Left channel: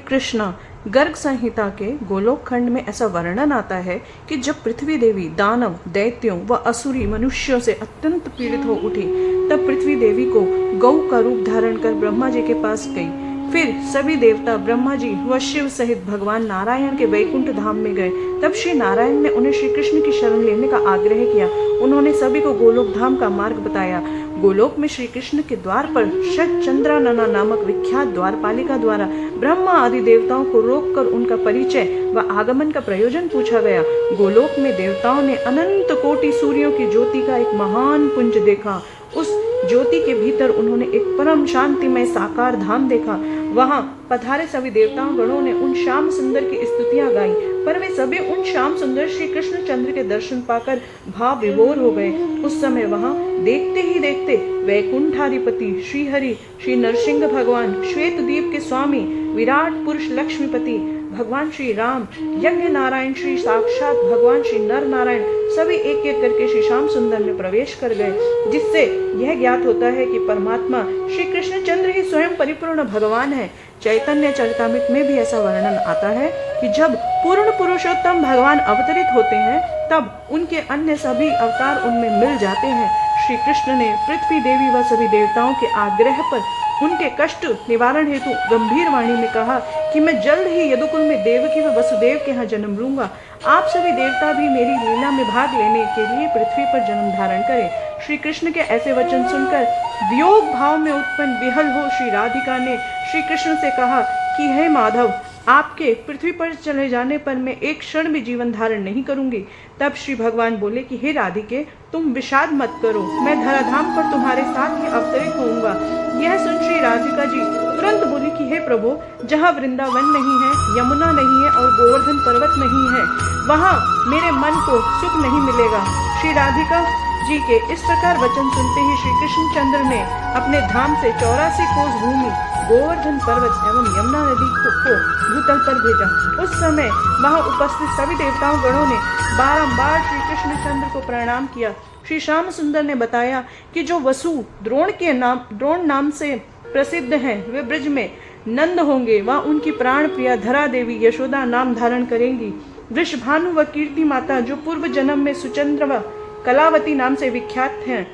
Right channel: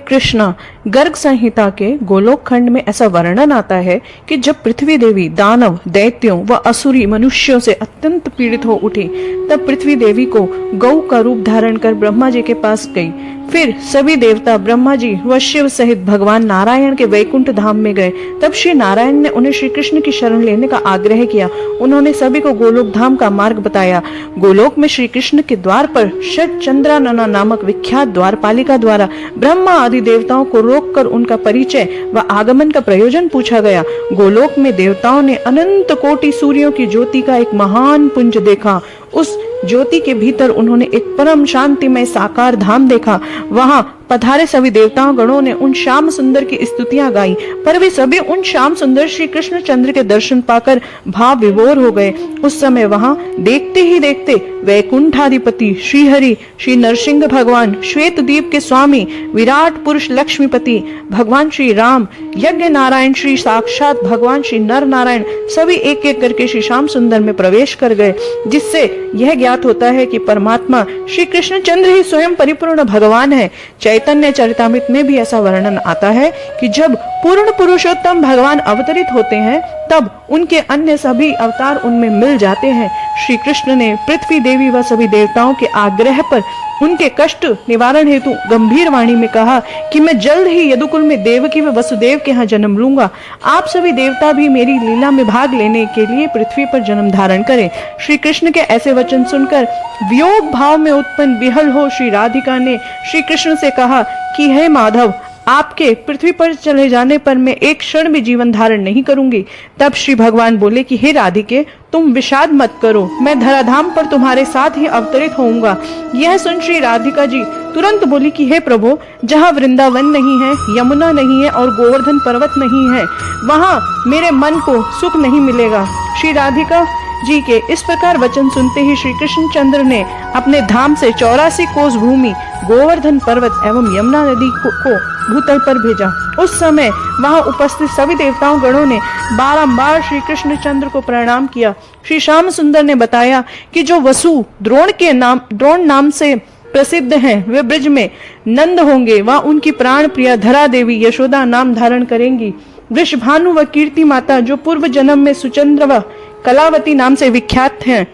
कृष्ण गर्ग संहिता के गोलोक खंड में ऐसा वर्णन आता है कि जब पृथ्वी देवी दानव, दैत्यों व असुरी मनुष्यों से अत्यंत पीड़ित हो उठी, तब पृथ्वी देवी को गौ का रूप धारण कर ब्रह्मा जी के पास गई। फिर सभी देवता ब्रह्मा जी व शिव सहित भगवान नारायण के वैकुंठ धाम में गए। तब श्री नारायण ने उन्हें श्री कृष्ण की शरण लेने का आग्रह किया। उन्होंने सभी को गोलोक धाम का मार्ग बताया। गोलोक में श्री कृष्ण के द्वार पर षट चंद्रानना नामक विख्यात द्वारपालिका द्वारा ब्रह्मा आदि देवताओं को रोककर उनका परिचय व आगमन का प्रयोजन पूछा गया। गोलोक में देवताओं ने अनंत कोटि सूर्यों की ज्योति का एक महान पुंज देखा। उस ज्योति के भीतर उन्होंने एक परम शांतिमय साकार धाम देखा। वहां पधारे सभी देवताओं गणों ने उन श्याम सुंदर की स्तुतियां गाई, पर वे सभी उन श्याम सुंदर श्री कृष्ण चंद्र के दर्शन पाकर भाव विभोर हो गए। उस समय वहां देखते ही देखते वैकुंठाधिपति श्री हरि, श्री नरसिंह भगवान, श्वेत द्वीप के स्वामी, विराट पुरुष लक्ष्मीपति भगवान श्री राम, यज्ञ नारायण श्री साक्षात भगवान श्री नर नारायण सभी एक एक करके श्री श्याम सुंदर में प्रवेश कर गए, जिससे यह ज्ञात होता है कि परमात्मा श्री कृष्ण चंद्र ही स्वयं परिपूर्ण भगवान है। चैतन्य चरितामृत में भी ऐसा वर्णन आता है कि जब पूर्ण पुरुषोत्तम भगवान अवतरित होते हैं, तब उनके अन्य सभी अवतार उनमें मिल जाते हैं। श्री कृष्ण ने पृथ्वी देवी व सभी देवताओं के आग्रह पर उनके कष्ट निवारण हेतु गंभीर वाणी में कहा कि मैं जल्द ही यदुकुल में देवकी व वसुदेव के यहाँ जन्म लूंगा। आप सभी देवता भी मेरी लीला में भाग लेने के लिए पृथ्वी पर जन्म धारण करें। श्री कृष्ण के ऐसे वचन सुनकर वियोग भाव में उत्पन्न विहल हो श्री राधिका ने श्री कृष्ण से कहा कि हे माधव, आपके पृथ्वी पर चले जाने पर मैं एक क्षण भी जीवन धारण नहीं करूंगी। तब श्री भगवान बोले कि हे राधिके, तुम विषाद मत करो, मैं धराधाम पर तुम्हारे साथ ही अवतरित होऊंगा। यह सुन श्री राधिका जी तुरंत बोली कि हे प्रभु, जहाँ वृंदावन नहीं है, यमुना नहीं है और गोवर्धन पर्वत नहीं है, वहाँ मेरे मन को सुख नहीं मिलेगा। श्री राधिका जी के इस प्रकार वचन सुनते ही श्री कृष्ण चंद्र ने अपने धाम से 84 कोस भूमि, गोवर्धन पर्वत एवं यमुना नदी को भूतल पर भेजा। उस समय वहां उपस्थित सभी देवताओं गणों ने बारंबार श्री कृष्ण चंद्र को प्रणाम किया। श्री श्याम सुंदर ने बताया कि जो वसु द्रोण नाम से प्रसिद्ध हैं, वे ब्रज में नंद होंगे। वह उनकी प्राण प्रिया धरा देवी यशोदा नाम धारण करेंगी। वृषभानु व कीर्ति माता, जो पूर्व जन्म में सुचंद्र व कलावती नाम से विख्यात हैं,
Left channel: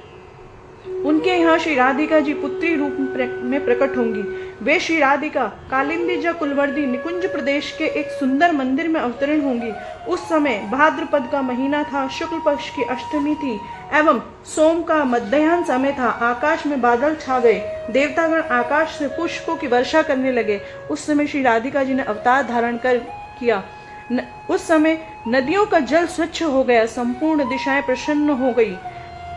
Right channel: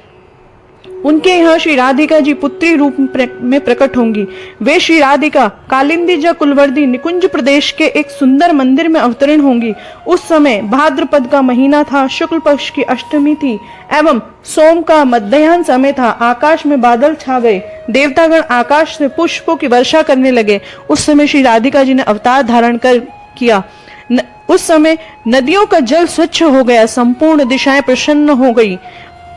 उनके यहाँ श्री राधिका जी पुत्री रूप में प्रकट होंगी। वे श्री राधिका कालिंदी जा कुलवर्दी निकुंज प्रदेश के एक सुंदर मंदिर में अवतरण होंगी। उस समय भाद्रपद का महीना था, शुक्ल पक्ष की अष्टमी थी एवं सोम का मध्याह्न समय था। आकाश में बादल छा गए, देवतागण आकाश से पुष्पों की वर्षा करने लगे। उस समय श्री राधिका जी ने अवतार धारण कर किया। उस समय नदियों का जल स्वच्छ हो गया, संपूर्ण दिशाएं प्रसन्न हो गई।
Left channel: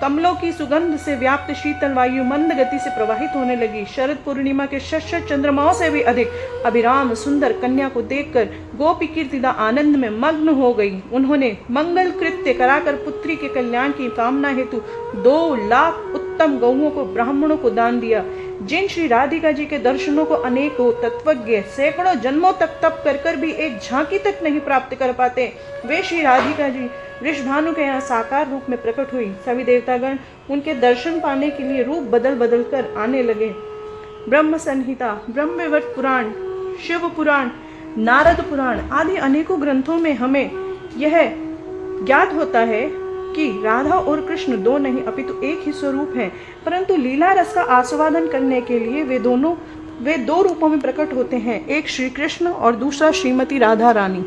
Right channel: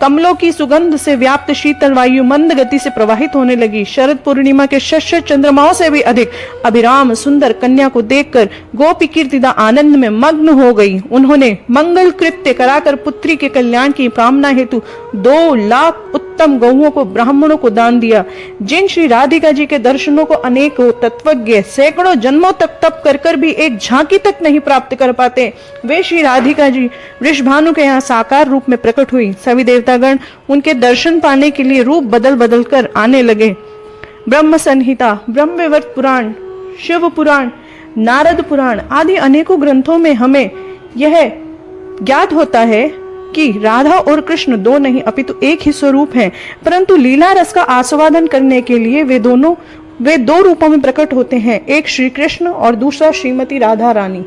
कमलों की सुगंध से व्याप्त शीतल वायु मंद गति से प्रवाहित होने लगी। शरद पूर्णिमा के शश चंद्रमाओं से भी अधिक अभिराम सुंदर कन्या को देखकर गोपी कीर्तिदा आनंद में मग्न हो गई। उन्होंने मंगल कृत्य कराकर पुत्री के कल्याण की कामना हेतु 2 लाख उत्तम गौओं को ब्राह्मणों को दान दिया। जिन श्री राधिका जी के दर्शनों को अनेकों तत्वज्ञ सैकड़ों जन्मों तक तप कर भी एक झांकी तक नहीं प्राप्त कर पाते, वे श्री राधिका जी वृषभानु के यहाँ साकार रूप में प्रकट हुई। सभी देवतागण उनके दर्शन पाने के लिए रूप बदल बदल कर आने लगे। ब्रह्म संहिता, ब्रह्मवैवर्त पुराण, शिव पुराण, नारद पुराण आदि अनेकों ग्रंथों में हमें यह ज्ञात होता है कि राधा और कृष्ण 2 नहीं अपितु एक ही स्वरूप हैं, परंतु लीला रस का आस्वादन करने के लिए वे 2 रूपों में प्रकट होते हैं, एक श्री कृष्ण और दूसरा श्रीमती राधा रानी।